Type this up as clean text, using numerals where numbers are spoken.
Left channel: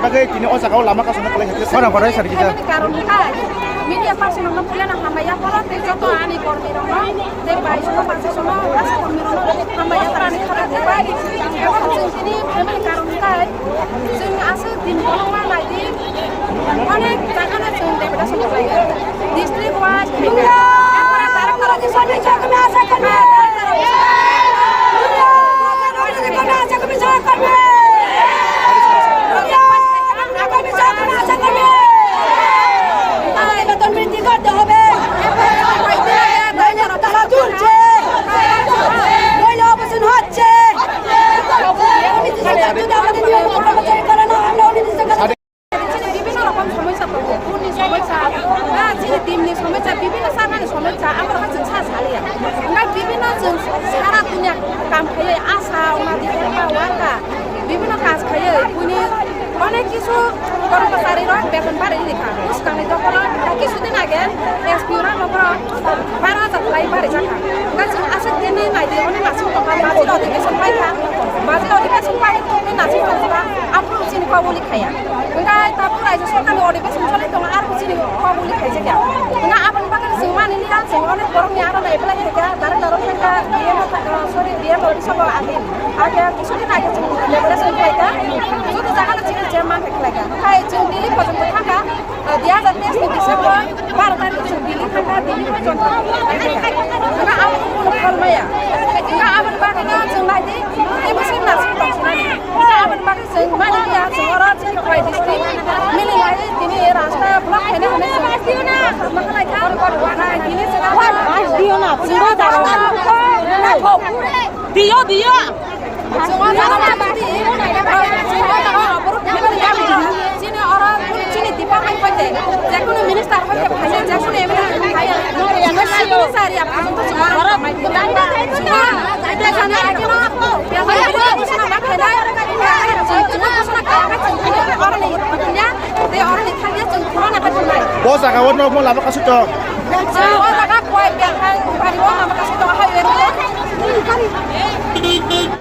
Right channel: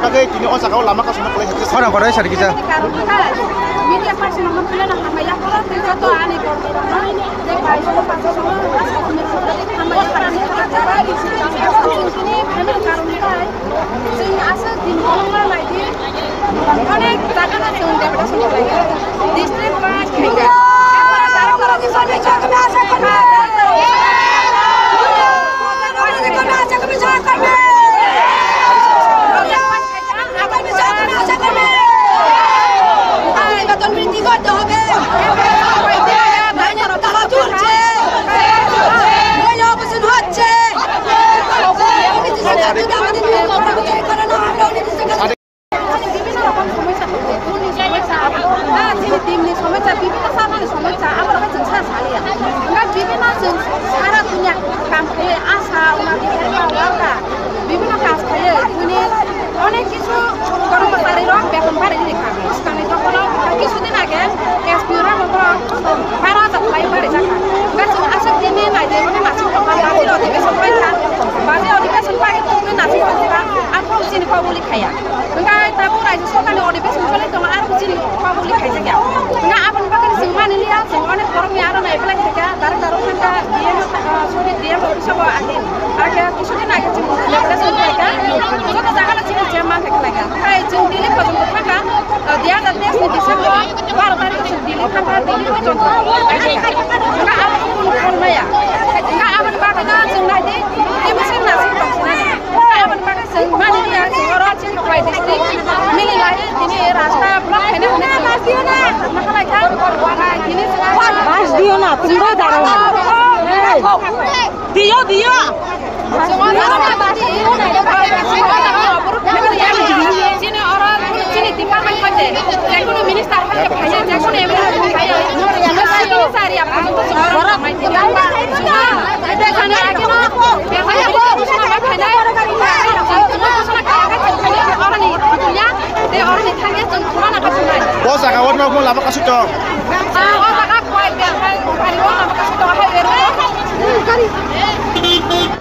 bagai kini oh sakau lama kasih nak lagi. Orang pada sari kita. Media pasien nomor pilihan hamba yang kalau tidak tu ani korban, jadi semua pasien semua rasa korban hamba yang terani korban. Ewan sini kami karun kai, sini asal di kolongan lagi, mana jangan asal daripada semua lagi. Distrik waj kaya, apa darah kalau di sana kami asal korban. Kami asal kami jangan kami. অনেক কিছু কর্মচারী বেতন বাড়ি দেখা উস্তানি যখন কিছুদিন আগে এসপিওরা নগর 12,000 লাই বাড়ি যাকা গাছিং আসে দিনে নাই যে মানে নাসিং তখন বাজে অধিবেশন পাইকা বাজে অধিবেশন পাইকে তুমি নাসিং পাইকা আপনি চিনি পাবলি খায়া enggak tabu raja sokani অধিবেশন চলে তো আর চিনি পাবলি খাইছে গিয়া enggak আপন বাগান সিং মানি লিয়া সিং অনেক গরম নিয়া না এপ্লাই থেকে তার কারণ থাকা দিয়ে সরি দিয়ে অফিসে আগে আগে কিছুদিন আগে লেবরেশন পাইকা যত জায়গা চিনি চেয়ারম্যান থেকে লাগা তাই जों দিল্লি পর্যন্ত থাকা 2023 ডিসেম্বর 12 তারিখ দিল্লি থাকা দিল্লি পর্যন্ত enggak আপন কোন ফলমায়া enggak আপন বাগান जों নাইদি এই বছর নাসিং দংসনা enggak আপন বাগান जों মানি লিয়া जों অরা চিনি কয় ডিস্ট্রিক্ট মিলি লাই তিনি রাস্তা ব্লক খাইনা হনে মাখালাই খা তিনি जों দিও না পুরো দাঁড়াও দিও semua orang tadi, semua orang baru kenal ya. Sini orang pun sini departemen pada, jangan minister pada kaya, jangan emelah kaya. Jangan sini sehari apa itu semua orang main kita. Semua ada sana aja na, yang mana beli sana apa kaya, semua sana kaya kaya orang ini punya, dia orang ini kaya semua apa cuma. Bos akawan mau lama kasih tu. Semua orang kuat biar hari orang apa kasih tu apa itu.